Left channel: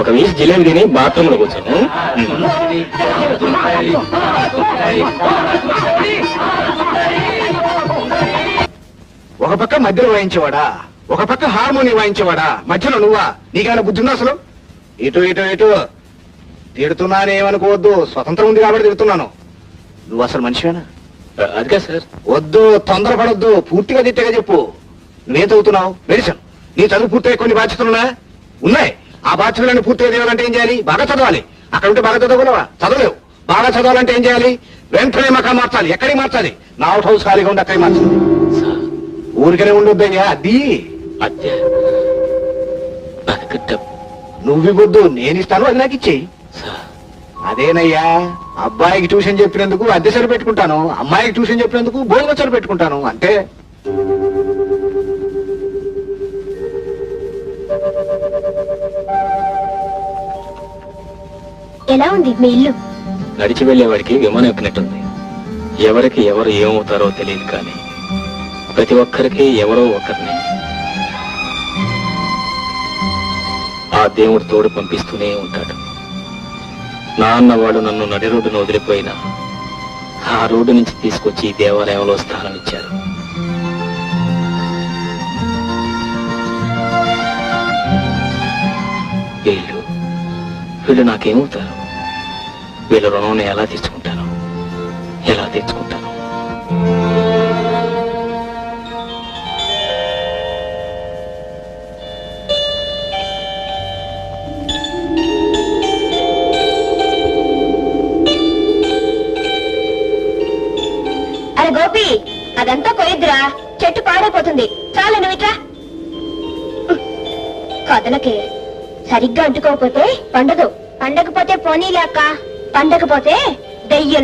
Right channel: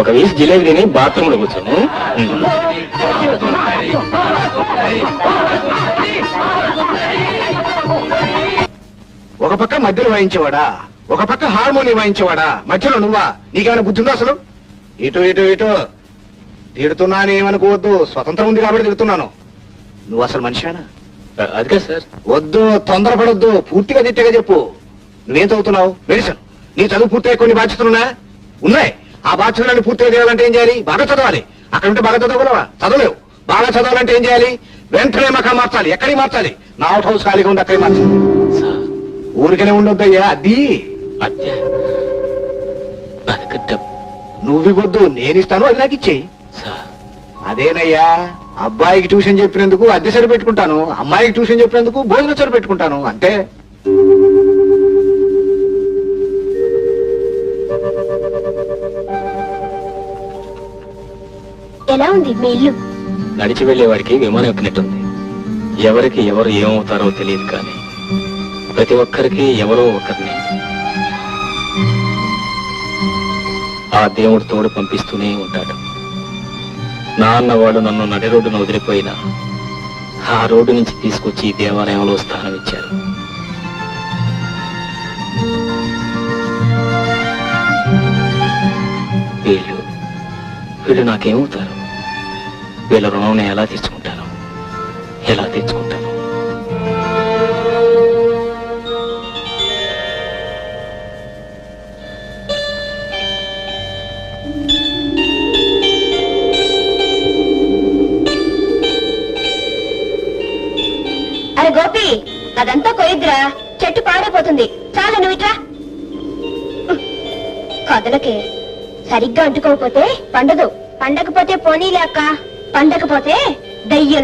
ఒక వీసి జిలేబీ తిని బాత్రూమ్ లో కూర్చోను. ఒక పక్క మధ్యలో వాయించేవాడా, ఒక పక్క హార్మోనియం వాయించేవాడా, మధ్యలో నువ్వా? నీకేమైనా బుద్ధి ఉందా అసలు? ఇటు ఇటు ఇటు తిడుతున్నానేమనుకోవద్దు, స్వతంత్రం ఉంది కాబట్టి తిడుతున్నాను. నువ్వు అసలు మనిషివేనా? అదిగా సార్. వద్దు, తొందరపడొద్దు, పూర్తిగా తిట్టగా చెప్పు. నువ్వేం చదువుతున్నావు? మెడిసిన్. నీ చదువు పూర్తయి కొన్ని బాధ్యతలున్నా ఉన్నాయి. ఆ బాధ్యతలన్నీ పూర్తిగా చేయాలంటే ఏం చేయాలి? బాగా చదవాలి. అక్కడ ఉంటే బాగా చదవగలవా? చదవలేవు. బాగా చదవాలంటే ఏం చేయాలి? వెంటనే మకా మార్చాలి. ఎక్కడికి మార్చాలి? నా అవుట్ హౌస్ ఖాళీగా ఉండి అక్కడికి మార్చాలి. ఊరికనే ఉండొద్దయ్యా. అది నువ్వివద్దు, నేనిస్తాను, అది నాకు ఇచ్చేయి. అదేనయ్యా, అబ్బాయికి ట్యూషన్ చెప్పినందుకు అద్దె సరి పెట్టుకుంటాను, అమ్మాయికి ట్యూషన్ చెప్పినందుకు భోజనం సరి పెట్టుకుంటాను, అంతే. ఎలా ఉంది మీ ఇల్లు? నడిచి వెళ్లేవాడికి విమానం ఎక్కినట్టుంది. ఎవరికి ఎవరు ఏమవుతారో తెలియదు, కానీ ప్రతి ఒక్కరికి ఎవరో ఒకరిని ఆ దేవుడు తోడు పంపిస్తూనే ఉంటాడు. నా అన్నవాడు నన్ను నడి రోడ్డును వదిలిపోయినా ఆ రోడ్డు నుంచి తీసుకొచ్చి దేవాలయంలో స్థానం ఇచ్చారు. వీళ్ళు నాకేమవుతారు? వీళ్ళ రుణం ఎలా తీర్చుకుంటాను? ఎలా తీర్చుకుంటాను? అరే గోపి, అదంతా కొయ్యద్దురా, చెట్టు పాడైపోతుంది. చాలా నువ్వు ఇట్రా. కదలకే, సరిగ్గా అంటుకోకపోతే పండదు. పండకపోతే పోనీలే అక్క, పండకపోతే దయ్యం.